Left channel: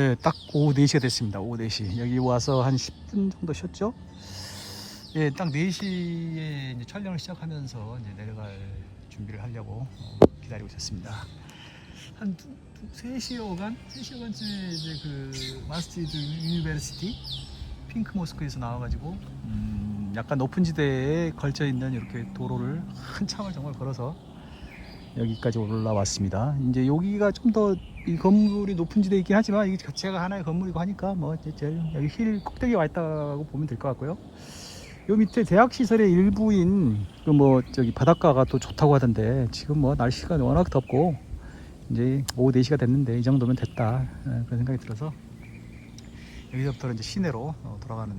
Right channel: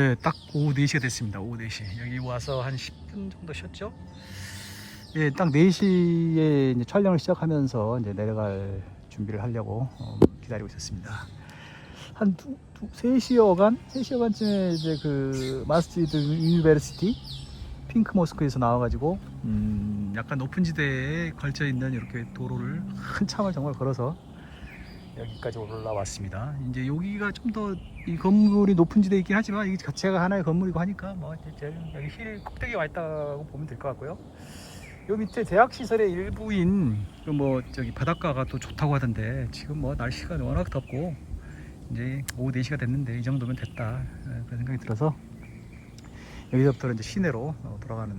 네, 딱 오후 4시가 됐습니다. 오후 4시. 여기 와서 한 10분 정도 쉬었죠? 예, 딱 4시에 이제 촬영을 시작하면서 이제 내려갈 준비를 하려고 기다리고 있었습니다. 한 3시 어간? 3시 어간쯤에 이제 그 마스티드 유니버시티 핑크 모스크에서 나와가지고 약간 높은 지대에 걸쳐 있는 이렇게 도로를 한참을 정말 걸어서 여기까지 올라왔습니다. 이제 여기가 좀 더 이 건물이 높은 지대에 있긴 하지만 이게 자체가 하나의 건물이고 하니까 뭐 이제 여기 힐 꼭대기에 와 있다고 보면 될 것 같고요. 요 밑에 대학 시설의 일부인 그 뭐 저기 바닷가가 또 좋다고 하던데 지금 뭐 날씨가 워낙 덥고 이제 오후 4시가 됐는데 이 정도면 됐다 그런 생각이 들어서 여기서부터 이제 시내로 돌아가는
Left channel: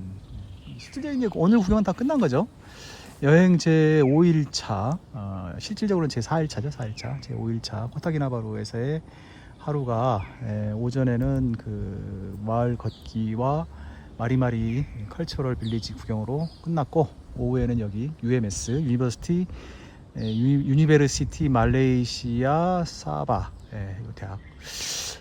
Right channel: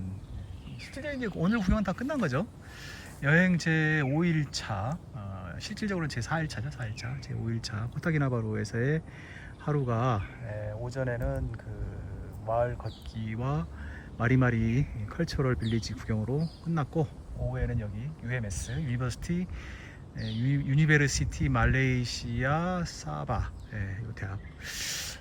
실제 이제 오늘 구경은 다 끝난 거죠. 여행 제 5일차 실질적으로는 제 4일차죠. 4일차 제 5일차 코타키나바루에서의 하루가 오전에는 그 마을 걷기와 마리마리 컬처럴 빌리지 구경으로 끝났고 오후에는 여기 UMS 유니버시티 말레이시아 사바 이 대학.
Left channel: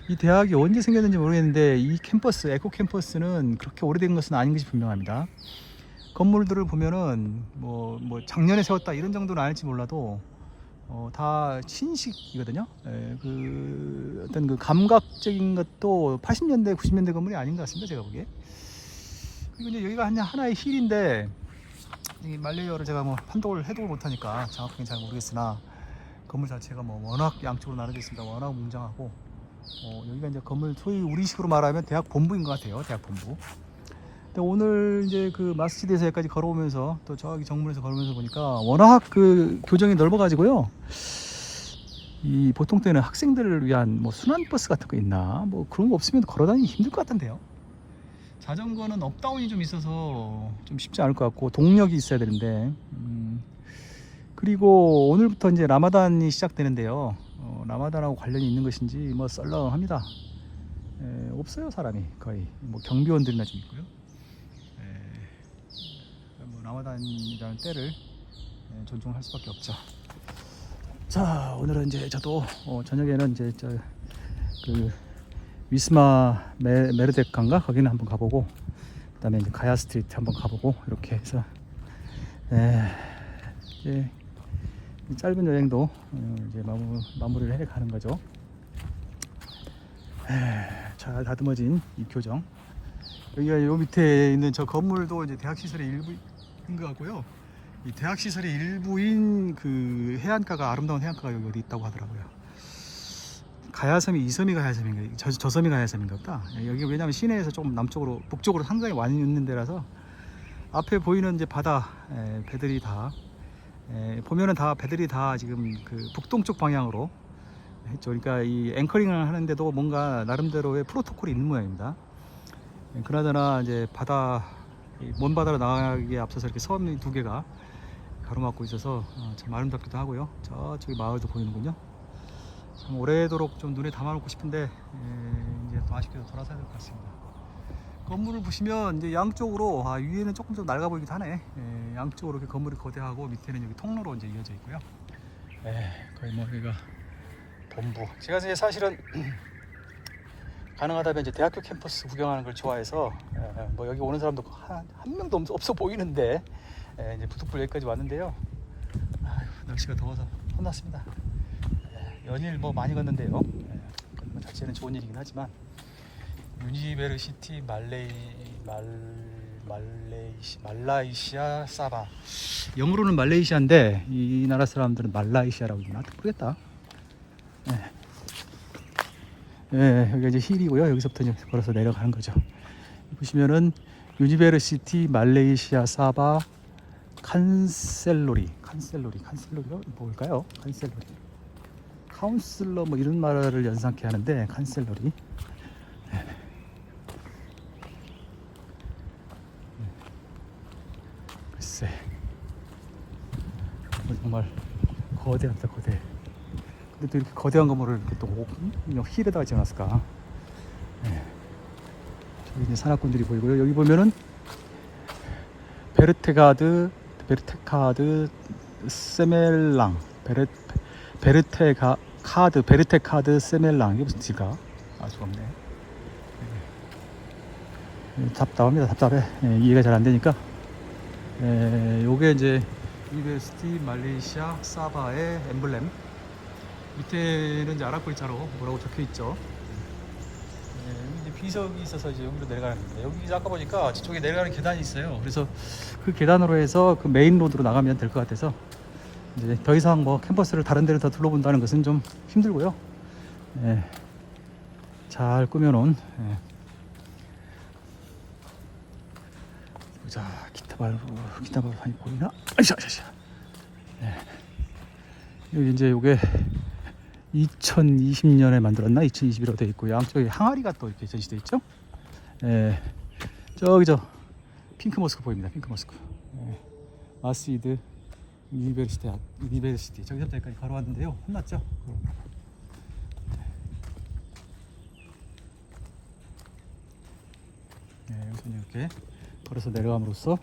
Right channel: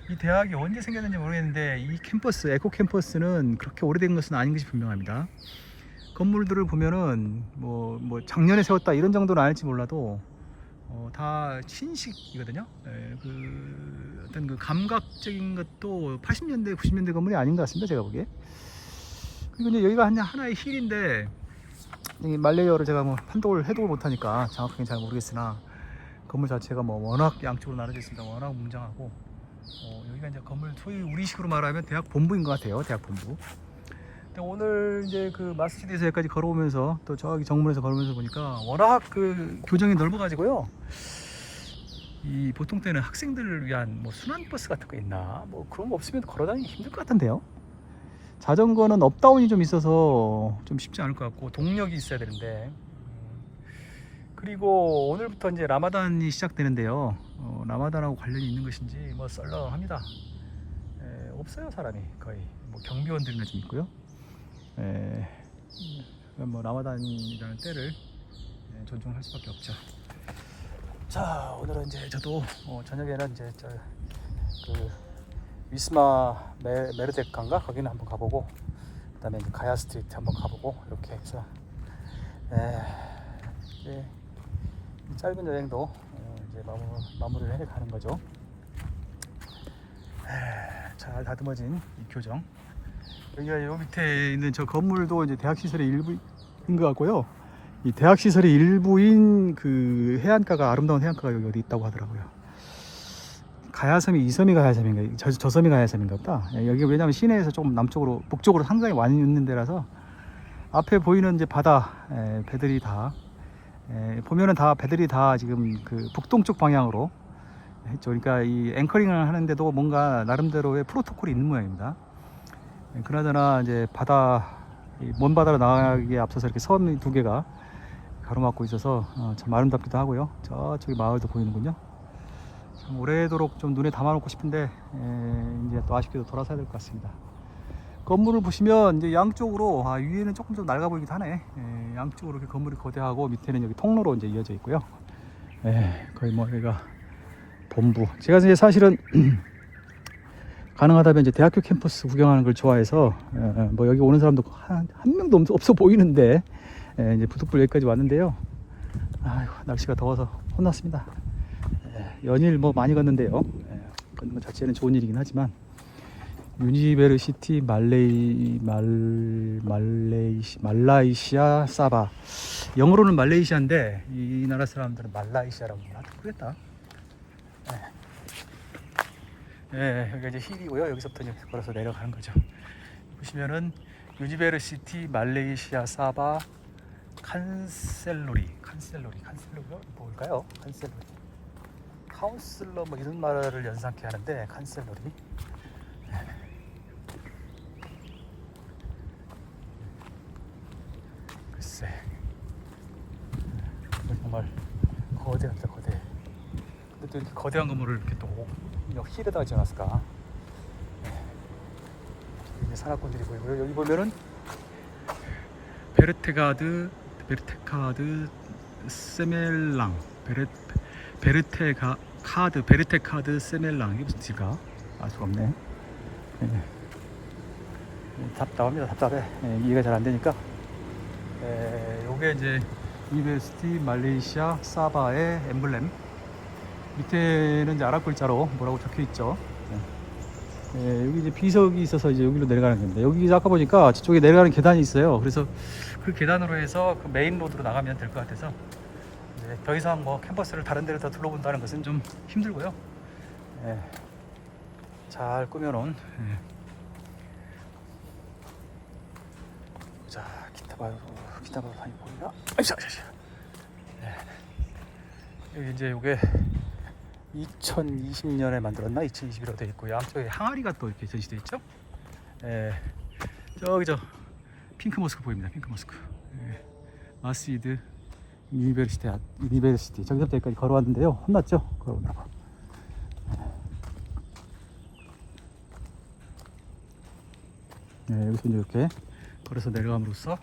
이 대학이 언제 생겼는지 모르겠는데 이 캠퍼스 에코 캠퍼스는 그렇게 오래된 것은 아닌 것이 분명합니다. 건물들을 보면은 뭐 작년에 세웠다 이런 정도는 아닐지 몰라도 다 신식이거든요. 그 어떤 그 감각적인 것도 80년대 90년대 건물이 아닌 것 같습니다, 제가 보기에. 그리고 이제 여기가 하나의 힐인데 이 말레이어를 제가 뭐 판독을 해독을 못하니까 정확하게 잘 모르겠으나 건물 자체가 뭐 워낙 양쪽으로 나눠져 있습니다. 워낙 웅장하고 여기가 이제 건물 소위 우리식으로 말하면 대학 본부인 것 같아요. 대학 본부. 근데 오늘 이제 그 마스지드에서 여기까지 걸어오면서 또 저기 정문에서 걸으면서 보니까 워낙 그 교정이 넓어가지고요. 이 보통 때는 학생들을 위한 뭐 순환버스 같은 거 있나 뭐 그런 거 없으면 걸어다니기 힘들 것 같은데요. 자전거는 업다운이 좀 있어서 좀 쉽지 않을 것 같고 동력이 있어야 되는데 그리고 오늘부터 이제 라마단이 시작되는데요. 라마단하고 관련이 있는 것인지 뭐 썰렁합니다. 없어요 사람이 거의 뭐 경비원들이나 좀 있고요. 뭐 라마단이라는 때를 존중할 수밖에 없죠. 자 오늘은 이제 저도 저녁에는 이제 그 위스마 메르데칸가 거기는 한번 가보고 그다음에 가야 스트리트 한번 가보고 이렇게 해서 짧은 여행도 이제 마무리를 해가는 거죠. 잘 다듬어진 이 교정. 여기가 요 밑에 있는 저 건물도 이제 대학 시설의 일부인 것 같고요. 이 대학 시설의 일부인 그 해안가가 아름다운 해안가가 여기 어디 있다고 하더라고요. 가야섬이 이 섬이 가야섬인가 저 섬이 가야섬인가 보다. 여기 왜냐면 시내에서 조금 남쪽으로 북쪽으로 상당히 많이 있는 데라서 앞에 보이는 이제 바다 배들이 다 보면은 다 배들이 다 지금 그 북동쪽 방향으로 했죠. 그러니까 이 앵커링을 하는데도 뭔가 나름대로의 프로토콜이 있는 모양입니다. 그나저나 이제 먼 바다로 나가기에 앞서서 이렇게 섬이 2개가 가로막고 있어서 참 아름답기도 하고요. 저쪽에 마을도 보이는군요. 참 오래도록 좀 눈에 담아놓고 싶은데 이제 또 아쉽게도 돌아서야 될 것 같습니다. 건물을 보시면 이제 양쪽으로 위에는 조금 좀 낡아 보이기도 하네. 양쪽으로 이렇게 건물이 거대하고 밑에는 여기 통로로 이제 이어져 있고요. 거의 뭐 여기가 본부. 제가 이제 사실은 가능하다면 이제 대학교 캠퍼스 구경하는 걸 좋아해서 뭐 여기 오는 사람도 한 명도 없어 보이는데 이제 부득불 여기까지 왔는데요. 아이고, 날씨가 더워서 혼났습니다. 연일 뭐 많이 걷는데요. 건물 자체는 좋은 일이긴 하지만 유니버시티 말라이시아 사바. 영어로는 말레이시아인데 이 나라 사람들은 말라이시아라고 부르나 모르겠다. 여기가 이제 힐이고요. 여기서부터 이제 걸어서 내려가는 거죠. 보시면은 유니버시티 말레이시아 사바 칸셀로리가 뭘까요? 카운슬러 뭐 이런 말을 연상케 하는데 칸셀로리. 글쎄 정말 거대하다 거대. 또 이렇게 거대한 건물을 이렇게 또 힐에다가 지어놨을까. 여기 산악분들이 보이고요. 여기 보면은 베르테카드 세멜랑 베르테카드 세멜랑. 이게 무슨 뜻일까? 알 수가 없네. 답답합니다. 답답해. 이해가 잘 안 되니까. 요게 이제 유니버시티 말레이시아 사바의 엠블렘. 밑에는 이제 아랍 글자로 뭐라고 적혀 있죠. 여기 이제 비석이 있어서 이제 여기로 내려가는 건데, 여기 아까 보니까 저쪽에 내려가는 계단이 있어요. 그래서 그 계단으로 해서 그 메인 로드로 나가면 될 것 같아서, 이제 더 이상 뭐 캠퍼스를 다른 데를 더 둘러본다는 것은 좀 힘들고요. 잘 꾸며놓은. 자, 기타 바로 다니고요. 여기 이제 요게 2020년에 만들었나 2021로 되어 있고, 양쪽에 항아리가 또 이렇게 전시되어 있죠. 저기 저 핑크 모스크 보입니다. 핑크 모스크. 마시드 유니버시티 저기서부터 여기까지 걸어왔는데요. 혼났죠? 걸어온다고. 여기서 이렇게 걸어서 내려감으로써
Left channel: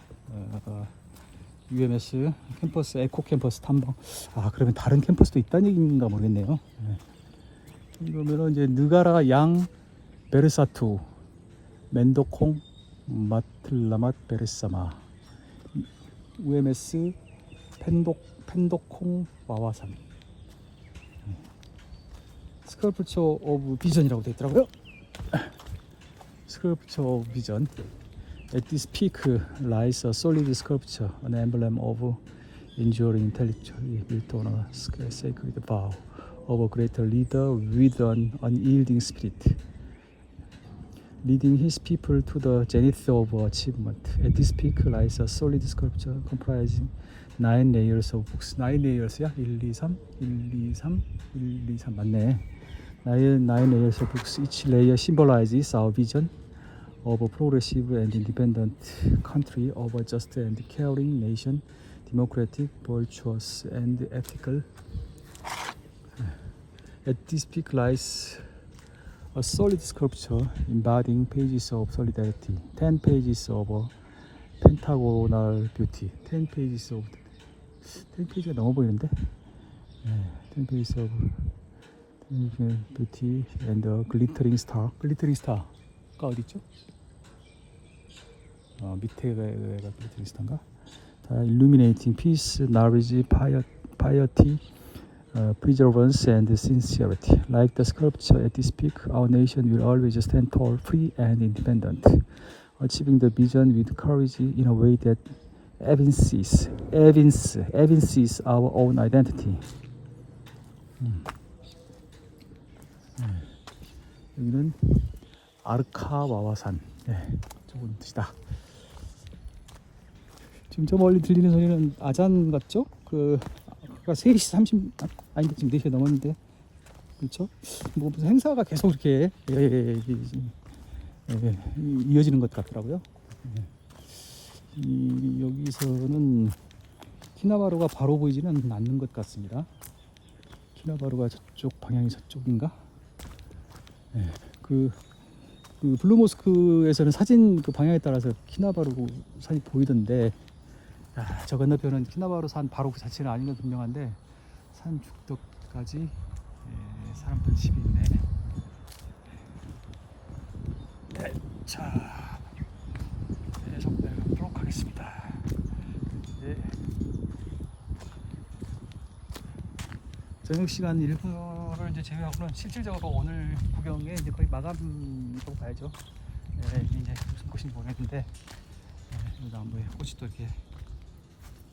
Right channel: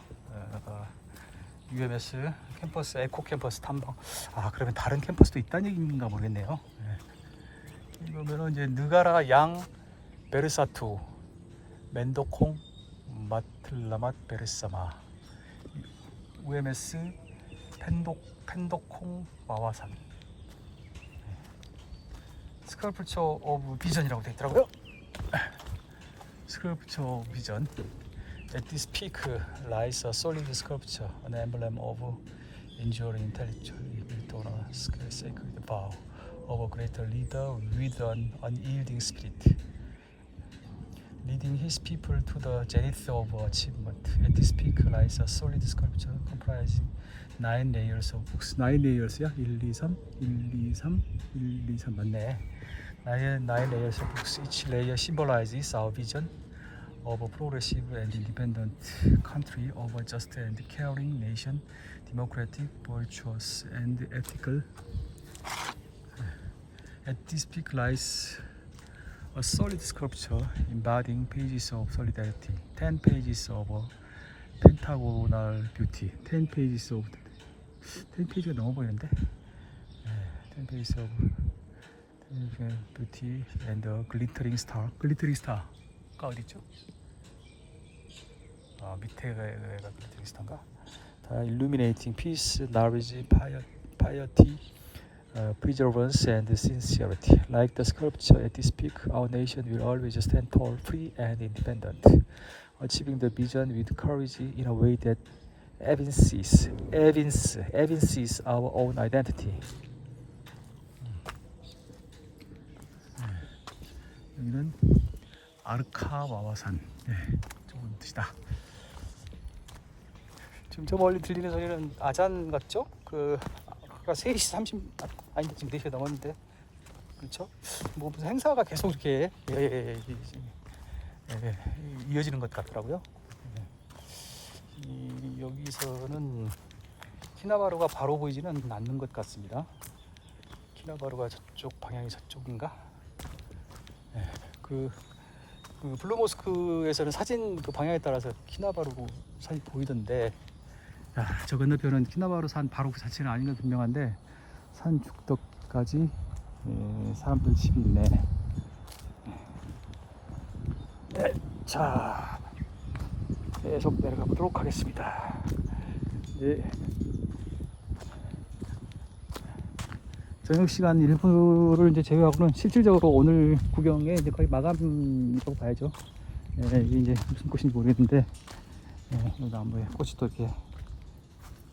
UMS 캠퍼스, 에코 캠퍼스 탐방. 그러면 다른 캠퍼스도 있다는 얘기인가 모르겠네요. 이러면은 이제 느가라 양 베르사투 멘도콩 마틀라맛 베르사마 UMS 펜도콩 와와산 스컬프처 오브 비전이라고 되어 있더라고요. 스컬프처 오브 비전. At this peak lies a solid sculpture, an emblem of enduring intellectual built on a sacred vow of a greater leader with an unyielding spirit, leading his people to the zenith of achievement. At this peak lies a solid sculpture comprising 9 layers of books. 9 layers야? 1, 2, 3, 1, 2, 3, 1, 2, 3 맞네. 9 layers of books. Each layer symbolizes our vision of a progressive and independent country, of a just and caring nation, democratic, virtuous, and ethical. At this peak lies a solid sculpture embodying pages of solidarity, 10 pages of pentagonal beauty, 10 pages of 10 페이지가 넘어 보이는데, 10 pages of beauty and a glittering star. glittering star가 어디 있죠? 밑에가 glittering star인가? Illuminating peace, knowledge, piety, perseverance and sincerity. Like the sculpture at this peak, our nation will always stand tall, free and independent, achieving the vision with courage in a way that evinces our own identity. 여기는 아르카와와산. 조금 뜻이다. 지금 저 멀리 들리는 소리는 아잔 같죠? 아까 3시 30, 아니 지금 4시가 넘었는데, 그렇죠? 뭐 무슨 행사가 계속 이렇게 이어지는 것 같더라고요. 여기서는 키나바루가 바로 보이지는 않는 것 같습니다. 키나바루가 저쪽 방향이 저쪽인가? 그 블루모스크에서는 사진 그 방향에 따라서 키나바루 산이 보이던데, 저 건너편은 키나바루 산 바로 그 자체는 아닌 건 분명한데, 산 죽덕까지 사람들 집이 있네. 자, 계속 내려가 보도록 하겠습니다. 저녁 시간 일부를 이제 제외하고는 실질적으로 오늘 구경에 이제 거의 마감이라고 봐야죠. 이게 이제 무슨 꽃인지 모르겠는데, 나무에 꽃이 또 이렇게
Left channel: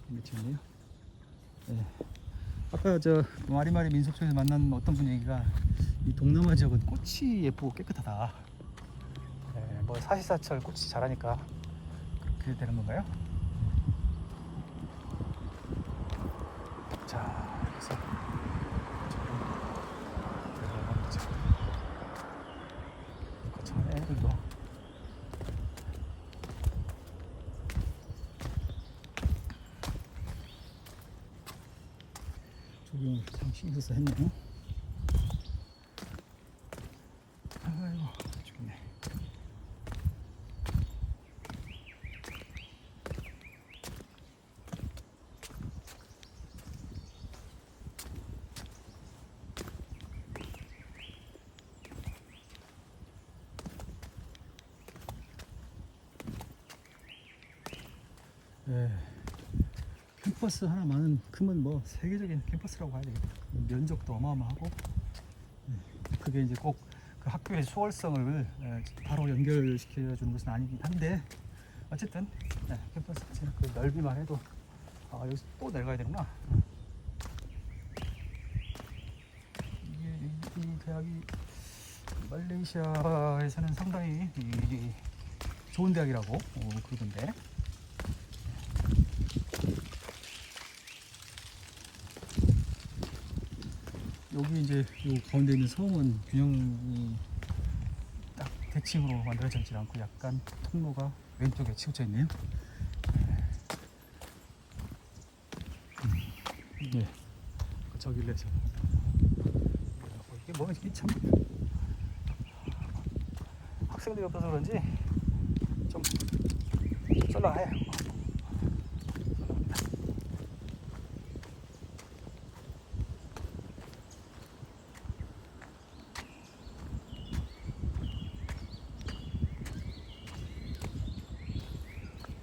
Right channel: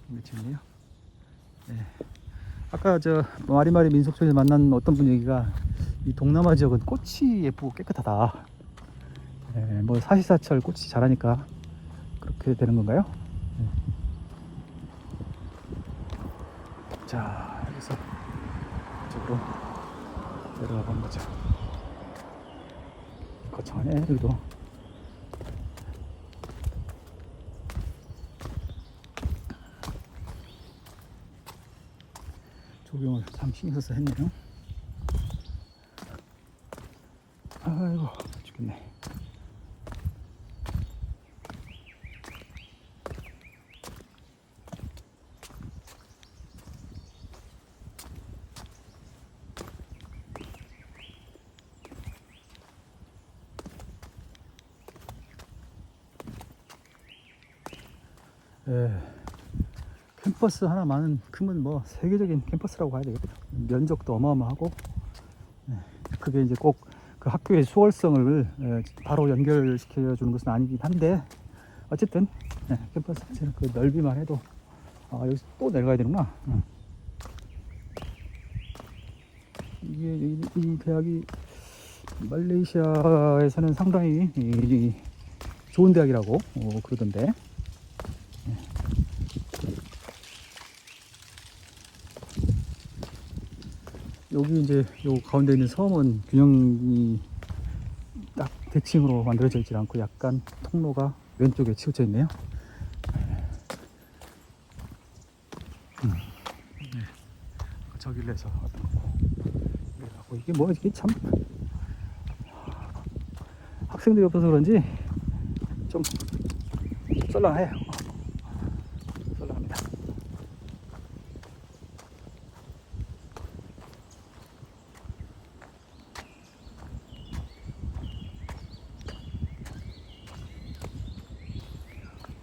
맺혀있네요. 아까 저 마리마리 민속촌에서 만난 어떤 분 얘기가, 이 동남아 지역은 꽃이 예쁘고 깨끗하다. 뭐 사시사철 꽃이 자라니까 그렇게 되는 건가요? 자, 그래서 이쪽으로 들어가는 거죠. 거창하네. 그리고 조경을 참 신경 써서 했네요. 아이고 죽겠네. 예, 캠퍼스 하나만 크면 뭐 세계적인 캠퍼스라고 봐야 되겠다. 면적도 어마어마하고, 예, 그게 이제 꼭 그 학교의 수월성을 바로 연결시켜 주는 것은 아니긴 한데, 어쨌든 캠퍼스 그 넓이만 해도 여기서 또 내려가야 되구나. 이게 이 대학이 말레이시아에서는 상당히 좋은 대학이라고 그러던데. 여기 이제 요 가운데 있는 섬은 균형이 딱 대칭으로 만들어져 있지 않고 약간 통로가 왼쪽에 치우쳐 있네요. 네, 저길로 해서 이게 뭐 이게 참 학생들이 없어서 그런지 좀 썰렁해요. 썰렁합니다.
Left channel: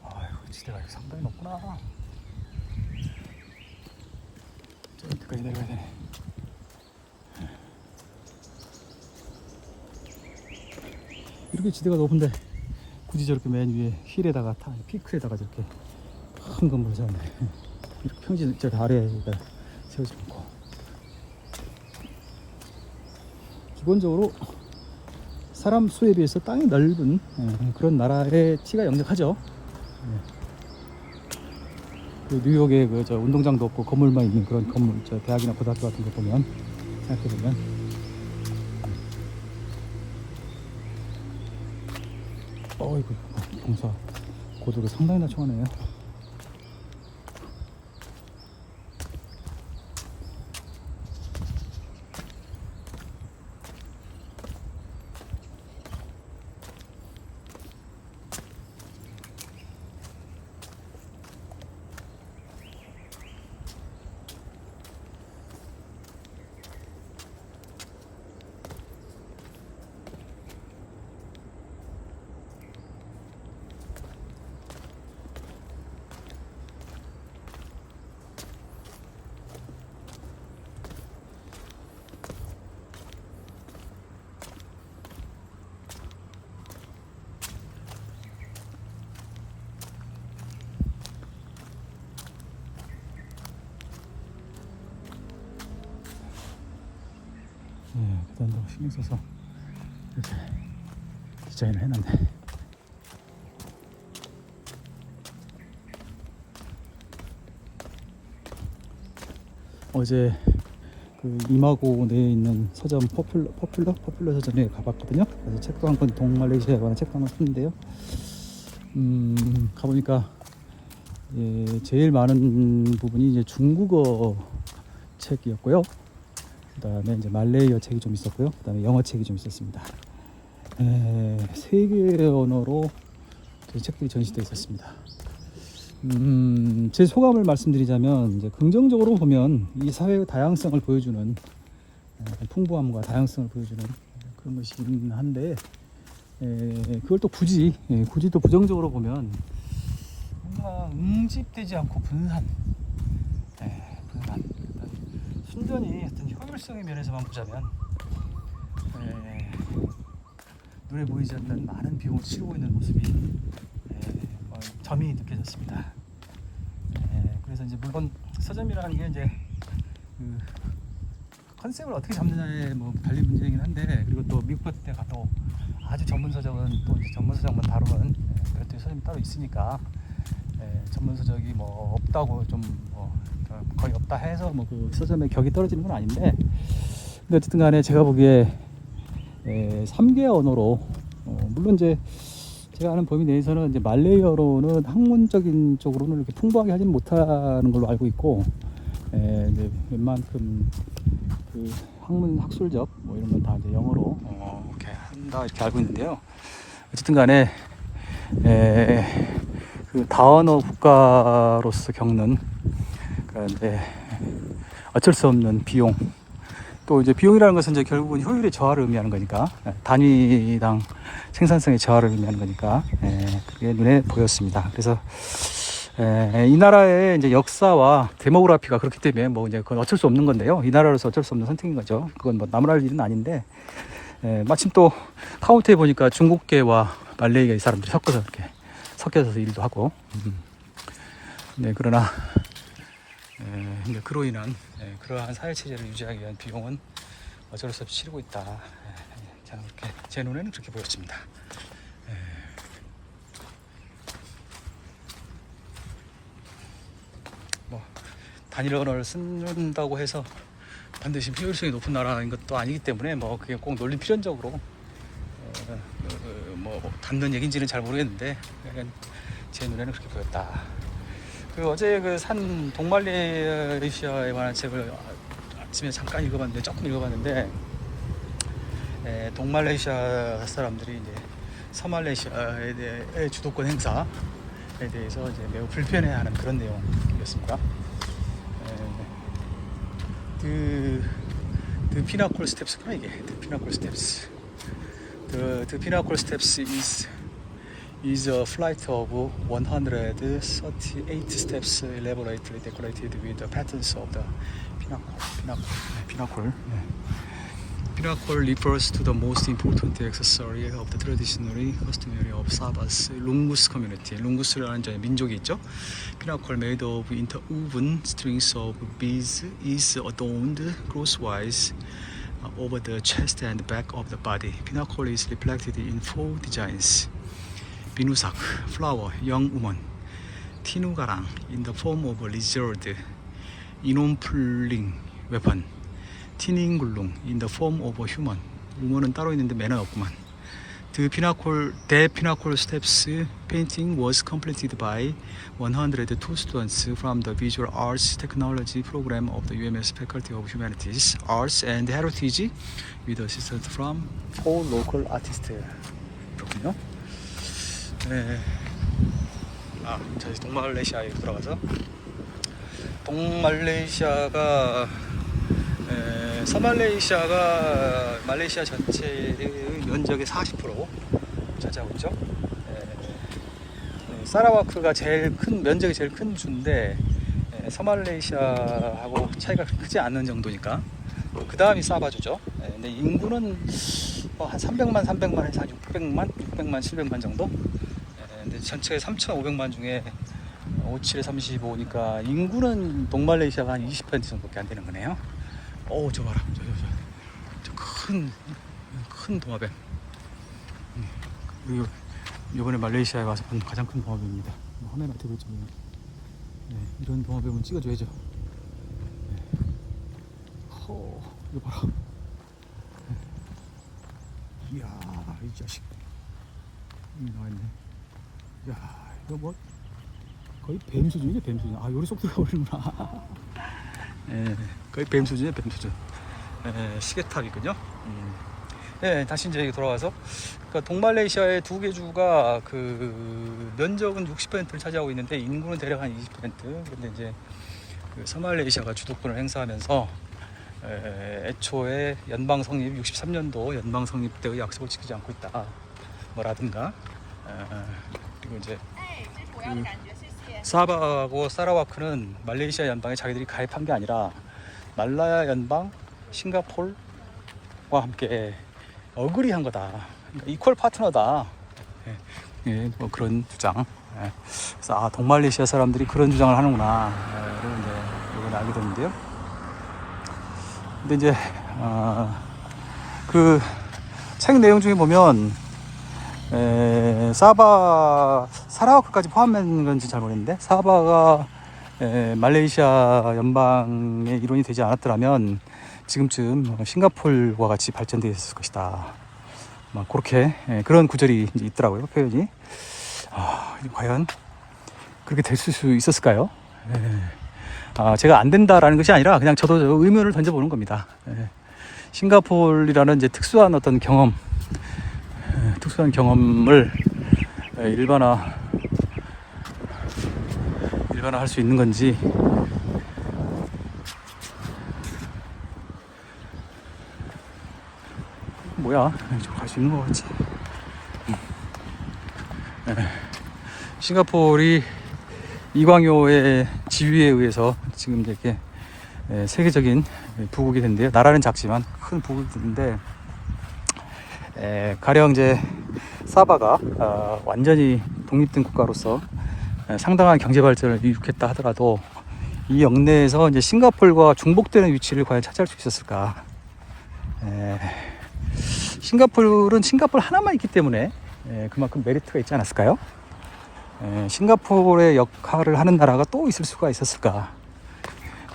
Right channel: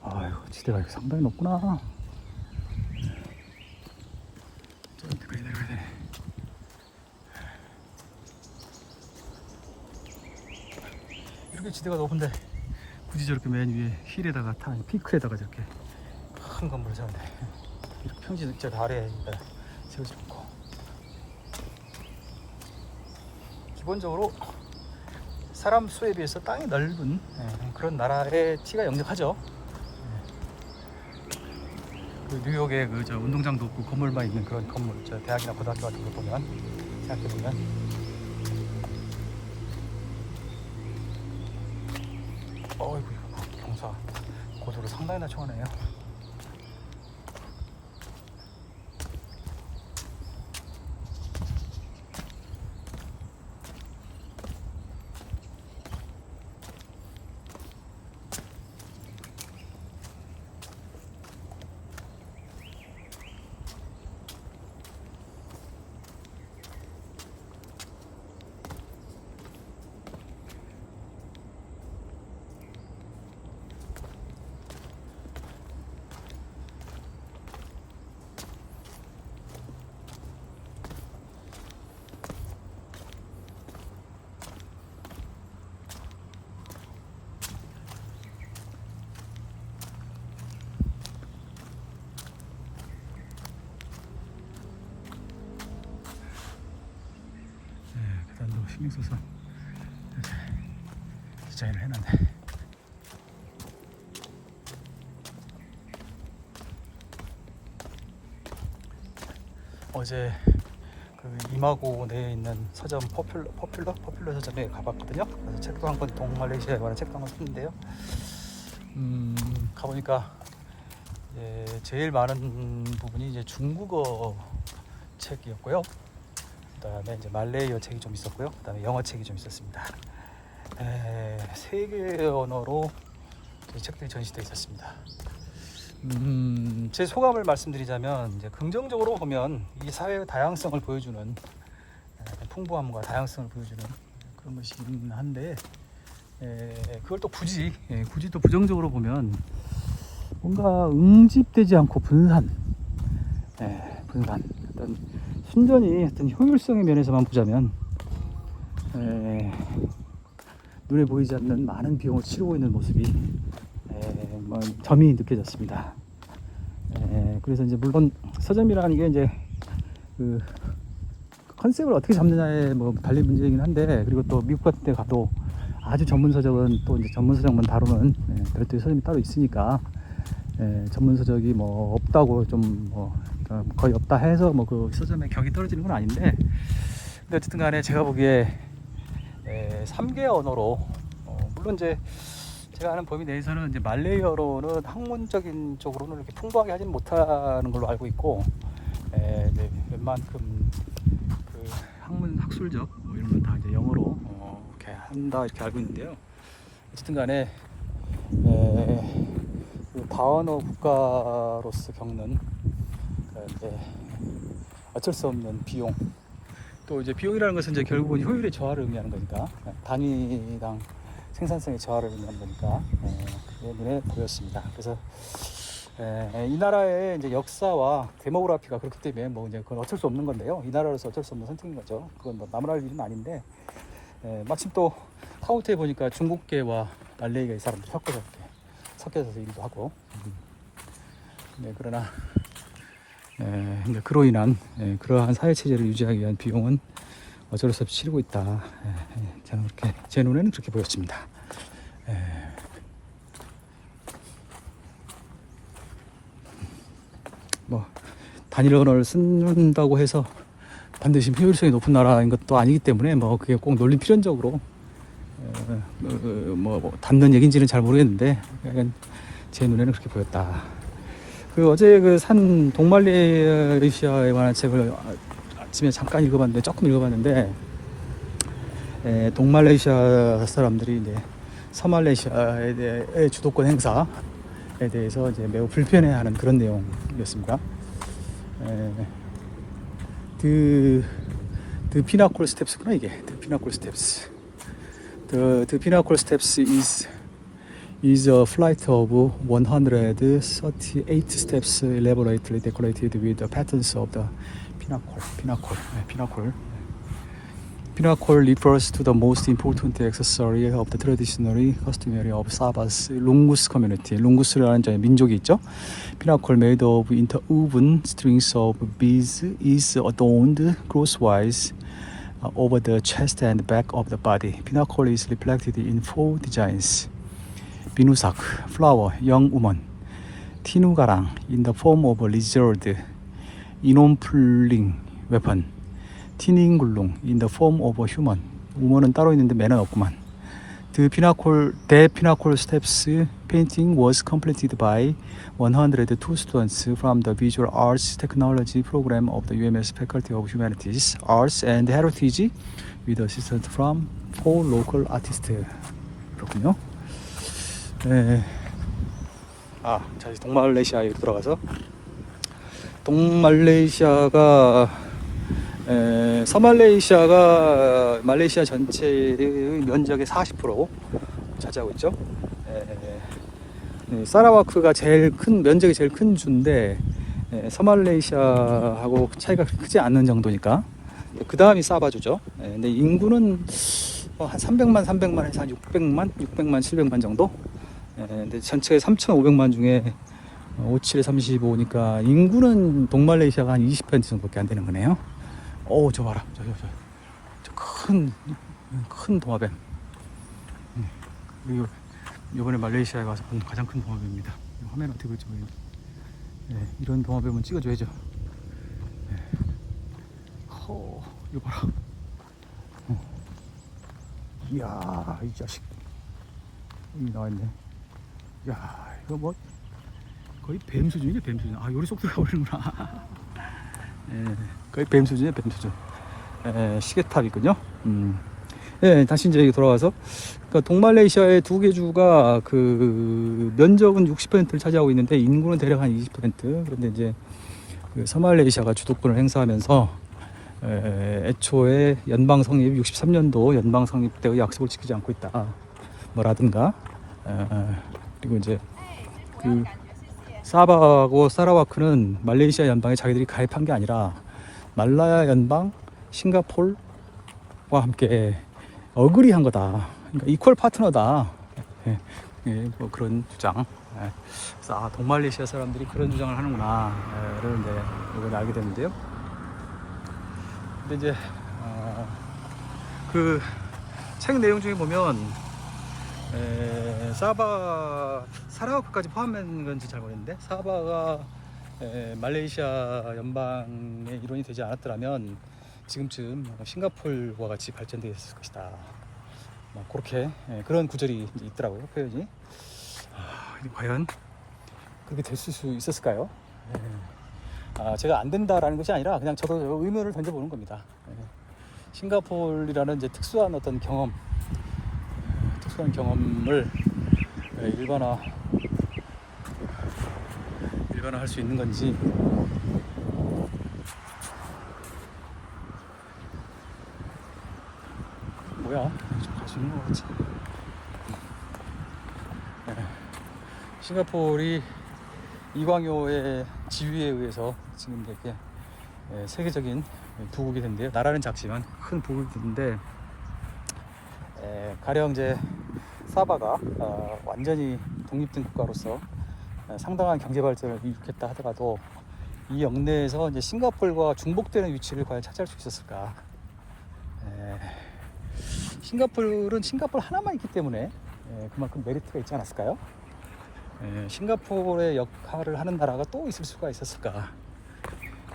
아이고, 지대가 이렇게 상당히 높구나. 저기까지 내려가야 되네. 이렇게 지대가 높은데 굳이 저렇게 맨 위에 힐에다가 피크에다가 저렇게 큰 건물 세웠네. 이렇게 평지 저 아래에 세워져 있고, 기본적으로 사람 수에 비해서 땅이 넓은 그런 나라의 티가 역력하죠. 그 뉴욕에 그 저 운동장도 없고 건물만 있는 그런 건물, 저 대학이나 고등학교 같은 거 보면 생각해보면 어이구, 경사 고도를 상당히 낮춰가네요. 네, 계단도 신경 써서 이렇게 디자인을 해놨네. 어제 그 이마고 내에 있는 서점 포퓰러 서점에 가봤거든요. 그래서 책도 한 권, 동말레이시아에 관한 책도 한 권 샀는데요. 가보니까 제일 많은 부분이 이제 중국어 책이었고요. 그다음에 이제 말레이어 책이 좀 있었고요. 그다음에 영어 책이 좀 있었습니다. 세 개의 언어로 책들이 전시되어 있었습니다. 제 소감을 말씀드리자면, 이제 긍정적으로 보면 이 사회의 다양성을 보여주는, 풍부함과 다양성을 보여주는 그런 것이긴 한데, 그걸 또 굳이 또 부정적으로 보면 뭔가 응집되지 않고 분산, 어떤 순전히 어떤 효율성의 면에서만 보자면 눈에 보이지 않는 많은 비용을 치르고 있는 모습이 뭐 점이 느껴졌습니다. 그래서 이제 물론 서점이라는 게 이제 그 컨셉을 어떻게 잡느냐에 뭐 달린 문제이긴 한데, 그리고 또 미국 같은 데 가도 아주 전문 서적은 또 이제 전문 서적만 다루는 별도의 서점이 따로 있으니까, 전문 서적이 뭐 없다고 좀 거의 없다 해서 뭐 그 서점의 격이 떨어지는 건 아닌데, 근데 어쨌든 간에 제가 보기에 3개 언어로, 물론 이제 제가 아는 범위 내에서는 이제 말레이어로는 학문적인 쪽으로는 이렇게 풍부하게 하지는 못하는 걸로 알고 있고, 이제 웬만큼 그 학술적 뭐 이런 건 다 이제 영어로 이렇게 한다 이렇게 알고 있는데요. 어쨌든 간에 그 다언어 국가로서 겪는 이제 어쩔 수 없는 비용, 또 이제 비용이라는 것은 이제 결국은 효율의 저하를 의미하는 거니까, 단위당 생산성의 저하를 의미하는 거니까, 그게 눈에 보였습니다. 그래서 이 나라의 이제 역사와 데모그래피가 그렇기 때문에 뭐 이제 그건 어쩔 수 없는 건데요. 이 나라로서 어쩔 수 없는 선택인 거죠. 그건 뭐 남을 할 일은 아닌데, 마침 또 카운트에 보니까 중국계와 말레이계 사람들이 섞어서 이렇게 섞여서 일도 하고, 네, 그러나 이제 그로 인한 그러한 사회 체제를 유지하기 위한 비용은 어쩔 수 없이 치르고 있다. 저는 이렇게 제 눈에는 그렇게 보였습니다. 뭐 단일 언어를 쓴다고 해서 반드시 효율성이 높은 나라인 것도 아니기 때문에 뭐 그게 꼭 논리 필연적으로 뭐 닿는 얘기인지는 잘 모르겠는데 제 눈에는 그렇게 보였다. 그 어제 그 산 동말레이시아에 관한 책을 아침에 잠깐 읽어봤는데 조금 읽어봤는데 동말레이시아 사람들이 이제 서말레이시아에 대해 주도권 행사에 대해서 이제 매우 불편해하는 그런 내용이었습니다. The Pinnacle Steps구나 이게. The Pinnacle Steps. The Pinnacle Steps is a flight of 138 steps elaborately decorated with the patterns of the Pinnacle. Pinnacle refers to the most important accessory of the traditionally customary of Sabah's Lungus community. 룽구스라는 민족이 있죠. Pinnacle made of interwoven strings of beads is adorned crosswise over the chest and back of the body. Pinnacle is reflected in 4 designs. 비누삭, flower, young woman. 티누가랑 in the form of a lizard. 이놈풀링 weapon. 티닝굴룽 in the form of a human. 우먼은 따로 있는데 매는 없구만. The Pinnacle Steps painting was completed by 102 students from the Visual Arts Technology program of the UMS Faculty of Humanities, Arts and Heritage with assistance from 4 local artists. 그렇군요. 네. 다시 동말레이시아에 들어가서 서말레이시아가 말레이시아 전체의 면적의 40% 차지하고 있죠. 사라와크가 면적이 제일 큰 주인데 서말레이시아하고 차이가 크지 않는 정도니까 그 다음이 사바주죠. 근데 인구는 한 300만, 한 600만, 700만 정도. 근데 전체 3,500만 중에 57에 35니까 인구는 동말레이시아가 한 20% 정도밖에 안 되는 거네요. 저 봐라. 저 큰 도마뱀. 그리고 이번에 말레이시아에 와서 본 가장 큰 도마뱀입니다. 화면 어떻게 볼지 모르겠는데. 이런 도마뱀은 찍어줘야죠. 이거 봐라. 이야, 이 자식. 여기 나와있네. 이야, 이거 뭐 거의 뱀 수준이죠, 뱀 수준. 요리 쏙 들어가 버리는구나. 거의 뱀 수준이에요, 뱀 수준. 시계탑이군요. 다시 이제 돌아와서 동말레이시아의 2개 주가 그 면적은 60%를 차지하고 있는데 인구는 대략 한 20%. 그런데 이제 그 서말레이시아가 주도권을 행사하면서 애초에 연방 성립 63년도 연방 성립 때의 약속을 지키지 않고 있다. 뭐라든가. 그리고 이제 그 사바하고 사라와크는 말레이시아 연방에 자기들이 가입한 게 아니라 말라야 연방, 싱가폴과 함께 어그리한 거다. 그러니까 이퀄 파트너다. 뭐 그런 주장. 그래서 동말레이시아 사람들이 그런 주장을 하는구나를 이제 이번에 알게 됐는데요. 근데 이제 그 책 내용 중에 보면 사라와크까지 포함된 건지 잘 모르겠는데 사바가 말레이시아 연방의 일원이 되지 않았더라면 지금쯤 싱가폴과 같이 발전되어 있을 것이다. 막 그렇게 그런 구절이 이제 있더라고요. 표현이. 과연 그렇게 됐을 수 있었을까요? 제가 안 된다라는 것이 아니라 그냥 저도 의문을 던져보는 겁니다. 싱가폴이라는 이제 특수한 어떤 경험, 특수한 경험을 일반화할 수 있는 건지. 뭐야? 좀 갈 수 있는 거 같지? 싱가폴이 이광효의 지휘에 의해서 지금 이렇게 세계적인 부국이 됐는데요. 나라는 작지만 큰 부국이 됐는데, 가령 이제 사바가 완전히 독립된 국가로서 상당한 경제 발전을 이룩했다 하더라도 이 영내에서 이제 싱가포르와 중복되는 위치를 과연 차지할 수 있었을까? 싱가포르는 싱가포르 하나만 있기 때문에 그만큼 메리트가 있지 않았을까요? 싱가포르의 역할을 하는 나라가 또 있을 수가 있었을까?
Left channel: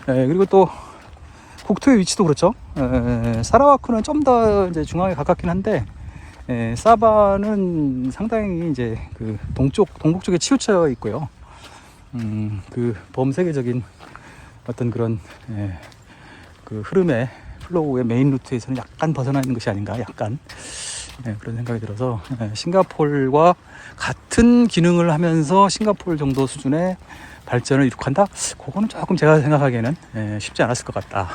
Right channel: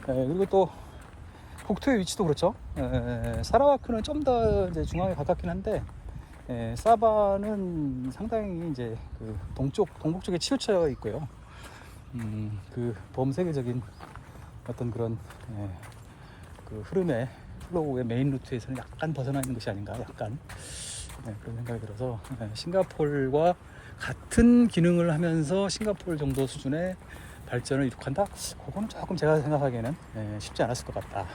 그리고 또 국토의 위치도 그렇죠. 사라와크는 좀 더 이제 중앙에 가깝긴 한데, 사바는 상당히 이제 그 동북 쪽에 치우쳐 있고요. 그 범세계적인 어떤 그런 그 흐름의 플로우의 메인 루트에서는 약간 벗어나 있는 것이 아닌가, 약간 그런 생각이 들어서 싱가포르와 같은 기능을 하면서 싱가포르 정도 수준의 발전을 이룩한다? 그거는 조금 제가 생각하기에는 쉽지 않았을 것 같다.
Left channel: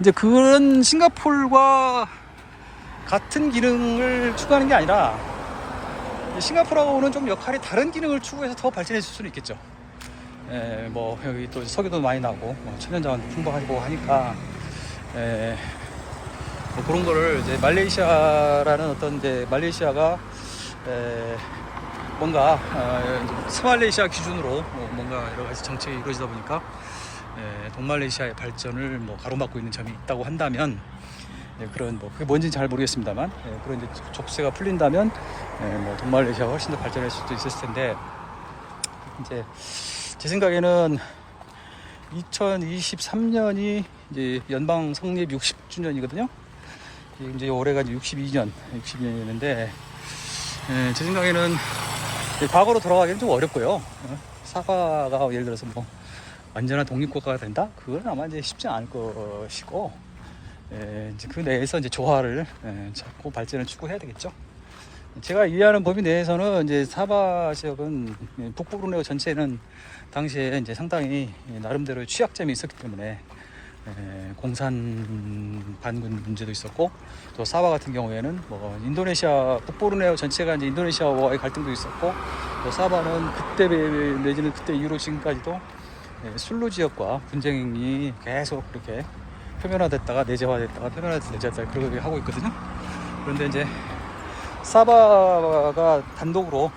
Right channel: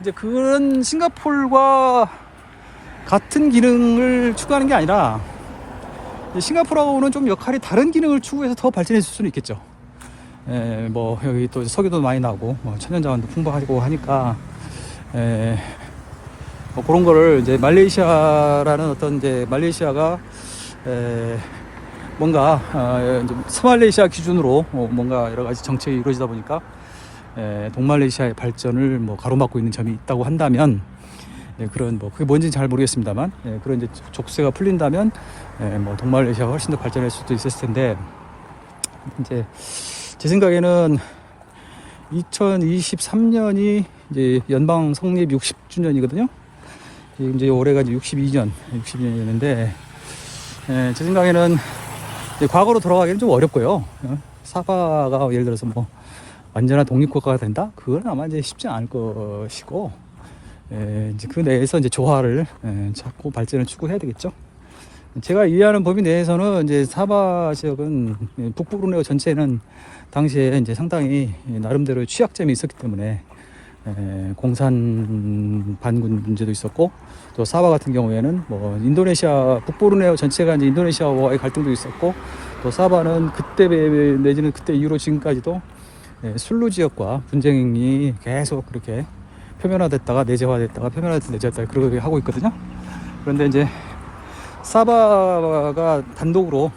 이제 그런 싱가포르와 같은 기능을 추구하는 게 아니라 싱가포르하고는 좀 역할이 다른 기능을 추구해서 더 발전했을 수는 있겠죠. 뭐 여기 또 석유도 많이 나고 천연자원도 풍부하고 하니까 뭐 그런 거를 이제 말레이시아라는 어떤 이제 말레이시아가 뭔가 스말레이시아 기준으로 뭔가 여러 가지 정책이 이루어지다 보니까 동말레이시아의 발전을 뭐 가로막고 있는 점이 있다고 한다면, 그런 뭐 그게 뭔지는 잘 모르겠습니다만, 그런 이제 족쇄가 풀린다면 뭐 동말레이시아가 훨씬 더 발전할 수도 있었을 텐데, 이제 제 생각에는 2023년이 이제 연방 성립 60주년이거든요. 이제 올해가 이제 62년인데, 제 생각에는 과거로 돌아가기는 좀 어렵고요. 사바가 예를 들어서 뭐 완전한 독립국가가 된다? 그건 아마 이제 쉽지 않을 것이고, 이제 그 내에서 이제 조화를 찾고 발전을 추구해야 되겠죠. 제가 이해하는 범위 내에서는 이제 사바 지역은 북부브루네오 전체는 당시에 이제 상당히 나름대로 취약점이 있었기 때문에 공산 반군 문제도 있었고, 또 사바 같은 경우에는 뭐 인도네시아 북부브루네오 전체가 이제 인도네시아와의 갈등도 있었고, 또 사바는 그때 내지는 그때 이후로 지금까지도 술루 지역과 분쟁이 계속 그렇게 표면화됐다가 내재화됐다가 표면화됐다가 내재화됐다가 그렇게 하고 있거든요. 그런데 이제 사바가 단독으로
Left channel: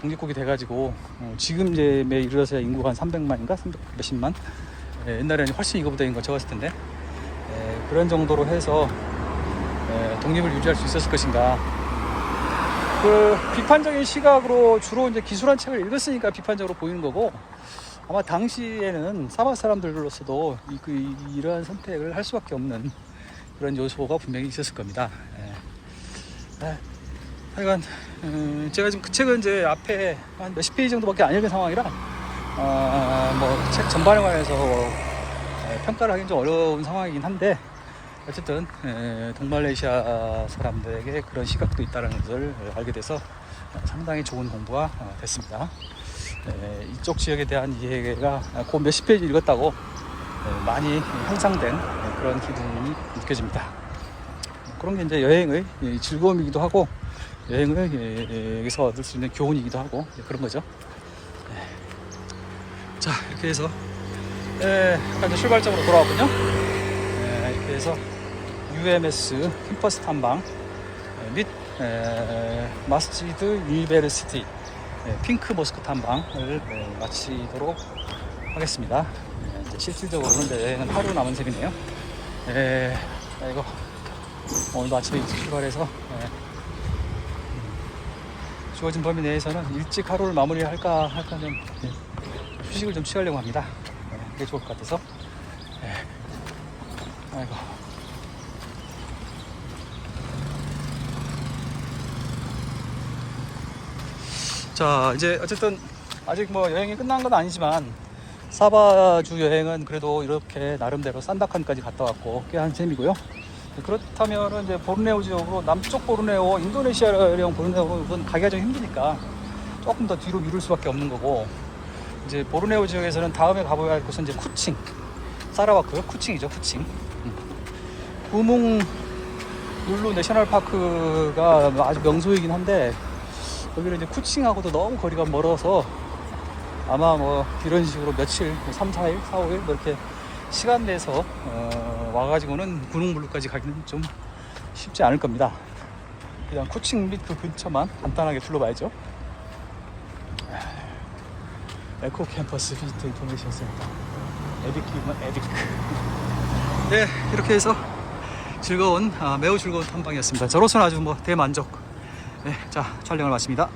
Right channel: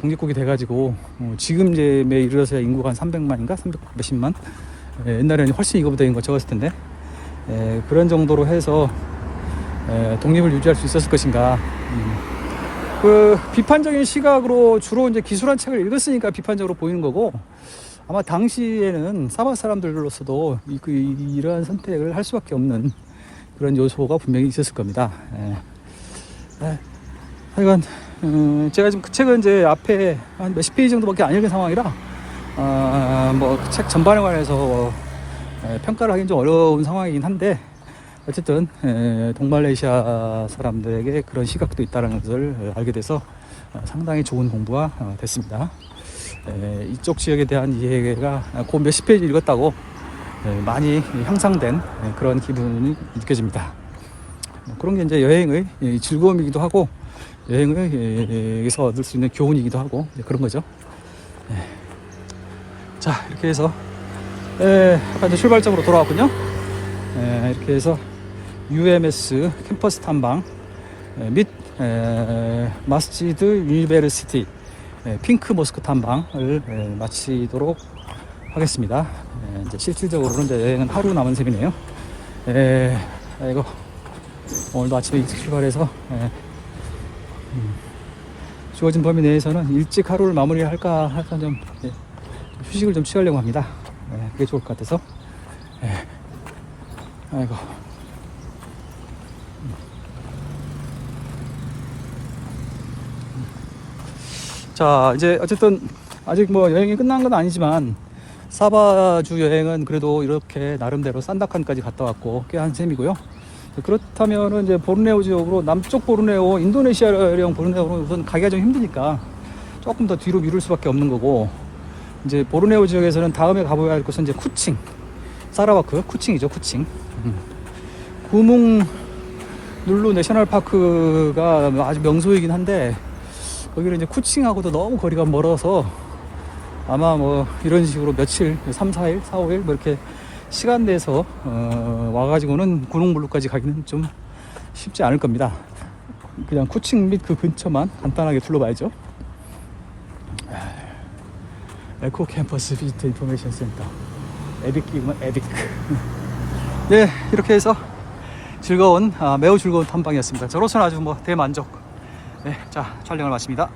독립국이 돼가지고 지금 이제 에 이르러서 인구가 한 300만인가 300 몇십만, 옛날에는 훨씬 이거보다 인구가 적었을 텐데, 그런 정도로 해서 독립을 유지할 수 있었을 것인가. 그 비판적인 시각으로 주로 이제 기술한 책을 읽었으니까 비판적으로 보이는 거고, 아마 당시에는 사바 사람들로서도 이러한 선택을 할 수밖에 없는 그런 요소가 분명히 있었을 겁니다. 하여간 제가 지금 그 책은 이제 앞에 한 몇십 페이지 정도밖에 안 읽은 상황이라 뭐 책 전반에 관해서 평가를 하기는 좀 어려운 상황이긴 한데, 어쨌든 동말레이시아 사람들에게 그런 시각도 있다는 것을 알게 돼서 상당히 좋은 공부가 됐습니다. 이쪽 지역에 대한 이해가 그 몇십 페이지 읽었다고 많이 향상된 그런 기분이 느껴집니다. 그런 게 이제 여행의 즐거움이기도 하고, 여행을 여기서 얻을 수 있는 교훈이기도 하고, 그런 거죠. 자, 이렇게 해서 이제 출발점으로 돌아왔군요. 이렇게 해서 UMS 캠퍼스 탐방 및 마스지드 유니베르시티 핑크 모스크 탐방을 마치도록 하겠습니다. 이제 실질적으로 여행은 하루 남은 셈이네요. 오늘도 아침에 일찍 출발해서 주어진 범위 내에서는 일찍 하루를 마무리할까 좀 휴식을 좀 취하려고 합니다. 그게 좋을 것 같아서. 아이고. 자, 이제 어쨌든 아직 뭐 여행이 끝난 건 아니지만 사바주 여행은 그래도 이렇게 나름대로 산다칸까지 갔다 왔고 꽤 한 셈이고요. 그렇다면 이제 보르네오 지역으로, 남쪽 보르네오, 인도네시아령 보르네오는 가기가 좀 힘드니까 조금 더 뒤로 미룰 수밖에 없는 거고, 이제 보르네오 지역에서는 다음에 가봐야 할 것은 이제 쿠칭, 사라와크, 쿠칭이죠, 쿠칭. 구뭉 눌루 내셔널파크가 아주 명소이긴 한데, 여기는 이제 쿠칭하고도 너무 거리가 멀어서 아마 뭐 이런 식으로 며칠, 3, 4일, 4, 5일 이렇게 시간 내서 와가지고는 고농블루까지 가기는 좀 쉽지 않을 겁니다. 그냥 푸칭 및 그 근처만 간단하게 둘러봐야죠. 에코 캠퍼스 비지트 인포메이션 센터. 에빅이구나, 에빅. 네, 이렇게 해서 매우 즐거운 탐방이었습니다. 저로서는 아주 뭐 대만족. 네, 자, 촬영을 마칩니다.